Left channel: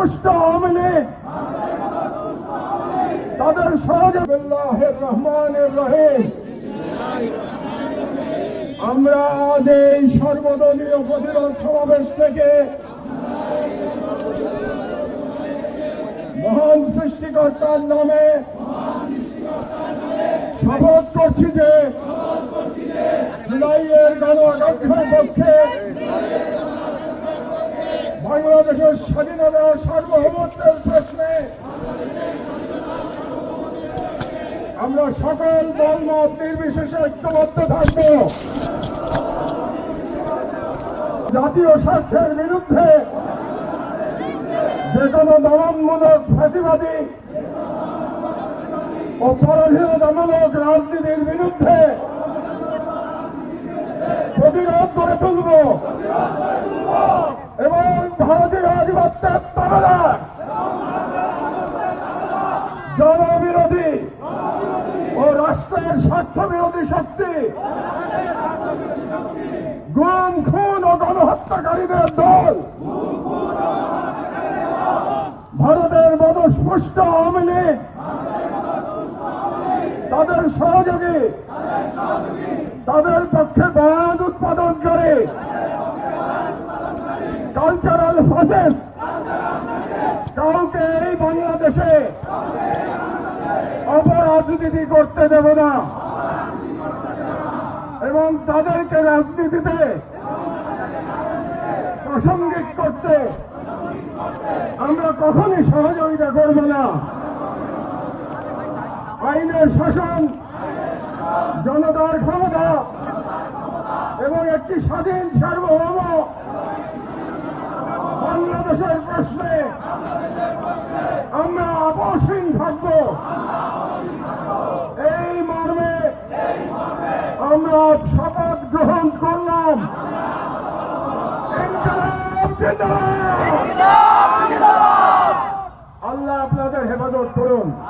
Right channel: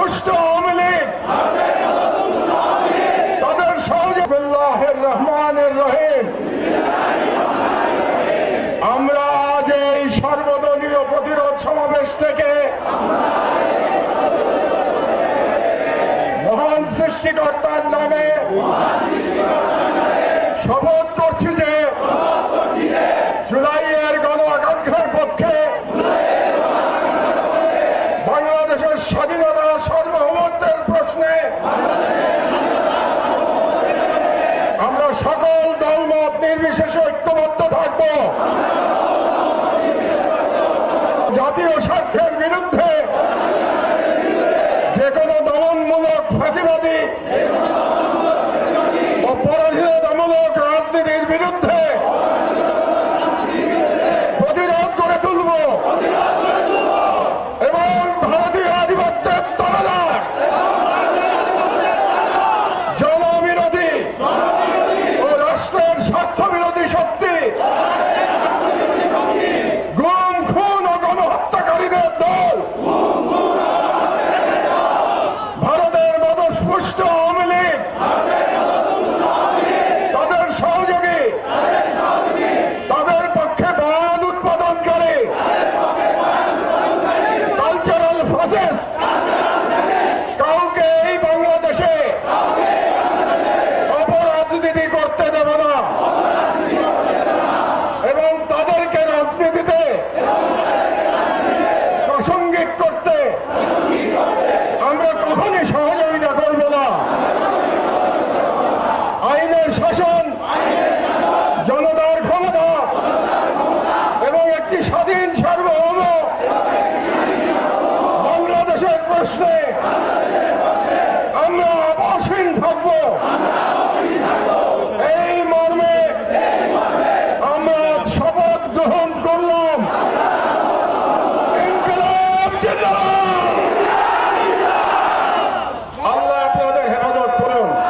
মদতপুষ্ট আওয়ামী লীগ তাদের সহযোগী বিল্লাহির রহমানির রহিম। আমরা আজ এই সর্বদলীয় প্রতিরোধ সমাবেশ থেকে মহান সৃষ্টিকর্তার নামে শপথ করছি যে জুলাইয়ের গণ আকাঙ্ক্ষার পক্ষে বাংলাদেশের স্বাধীনতা সার্বভৌমত্বের প্রশ্নে আমরা সকল দলমত নির্বিশেষে ঐক্যবদ্ধ থাকব। জাতীয় স্বার্থের বিরুদ্ধে যে কোনো দমনমূলক ফাঁসিবাদী ও পরাধীনতামূলক রাজনীতির বিরুদ্ধে প্রতিরোধ করে তুলব এবং ভারতীয় আধিপত্যের তরলার জনবিরোধী ও রাষ্ট্রের স্বার্থ বিরোধী শক্তি গুম খুন ও গণহত্যাকারীদের দল ভারতের মদতপুষ্ট আওয়ামী লীগ তাদের সহযোগী তাদের পক্ষে বয়ান উৎপাদন করে কালচারাল ফ্যাসিস্ট কাউকে এই বাংলাদেশে অপরাজনীতি করতে দেব না এবং তাদেরকে রাজনীতিতে প্রাসঙ্গিক করতে আমরা কখনই সহযোগিতা করব না। আইনের শাসন, জনতার ক্ষমতা এবং একটি স্বাধীন সার্বভৌম বাংলাদেশের প্রশ্নে আমরা অবসীম থাকব। এই মর্মে আমরা শপথ গ্রহণ করলাম। ইনকিলাব জিন্দাবাদ।